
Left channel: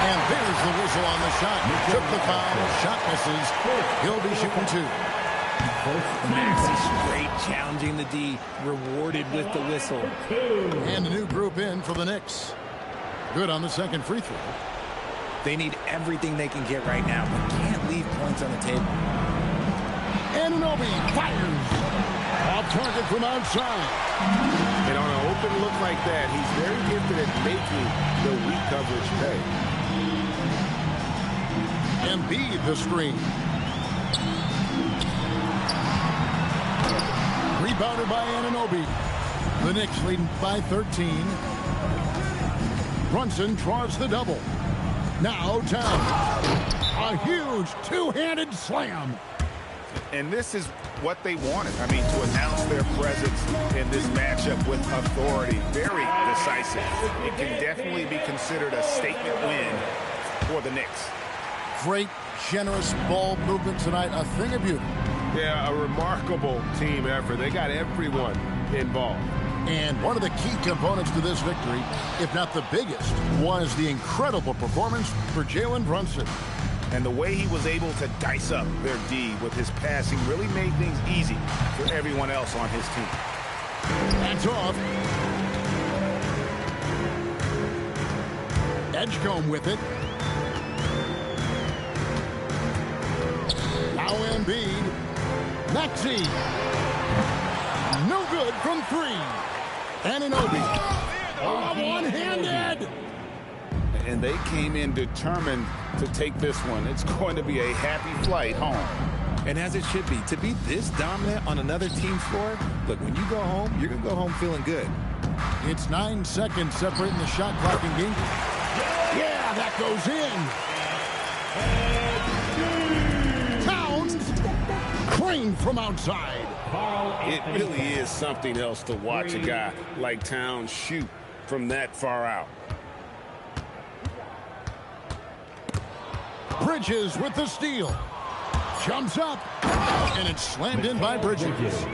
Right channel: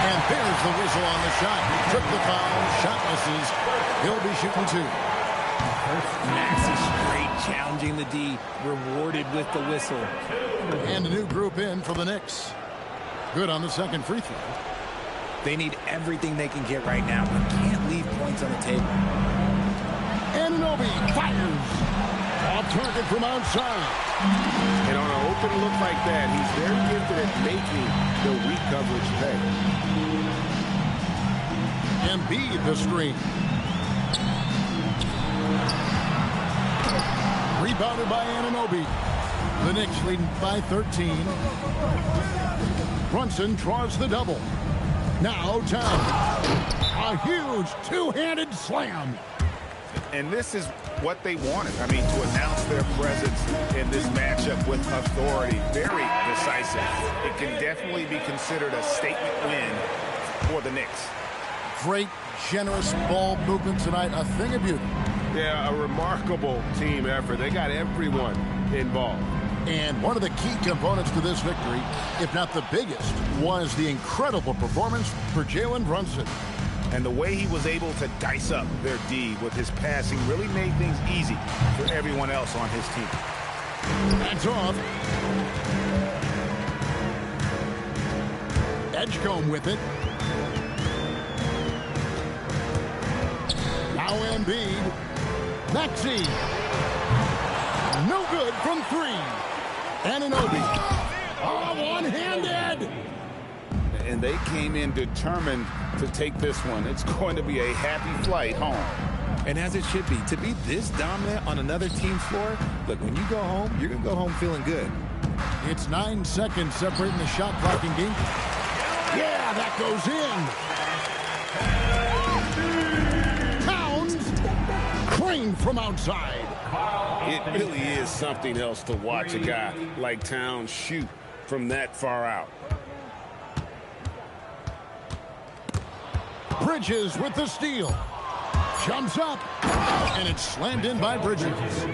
And there's the whistle on the shot. He took the foul. Shot misses. He'll be shooting 2. Maxey straight challenging the D, rewarded with the whistle. And a new group in for the Knicks. Good on the second free throw. They need everything they can get right now, but can't leave points on the table. Anunoby fires. Off target from outside. And on an open look like that, he's very gifted at making the weak coverage pay. Embiid the screen. Rebounded by Anunoby. The Knicks leading by 13. Brunson draws the double. Now Towns. A huge two-handed slam. And this is what they wanted. I mean, to announce their presence in this matchup with authority. Very decisive. It can definitely be considered a statement win for the Knicks. Great, generous ball movement tonight. A thing of beauty. Yeah, a remarkable team effort. They got everyone involved. And one of the key components to this victory, if not the biggest, was the incredible performance for Jalen Brunson. And the way he was able to dice up their D with his passing really made things easy for everyone else on his team. That's off. Edgecombe with it. Now Embiid. Maxey. No good from 3. Anunoby. Oh, one-handed. And they came in determined to take this one. It's going to be a happy flight home. And as it should be, to be this dominant on another team's floor, look, when you go home, you're going to go home feeling good. It's 9 seconds separating the shot clock and game. Yeah, that goes in. Towns. Crane from outside. It really is something else to watch a guy like Towns shoot from that far out. Bridges with the steal. Jumps up. And it's slammed in by Bridges.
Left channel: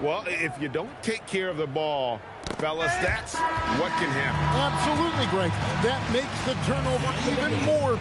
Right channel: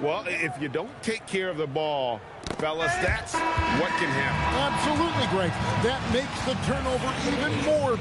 Well, if you don't take care of the ball, fellas, that's what can happen. Absolutely, Greg. That makes the turnover even more.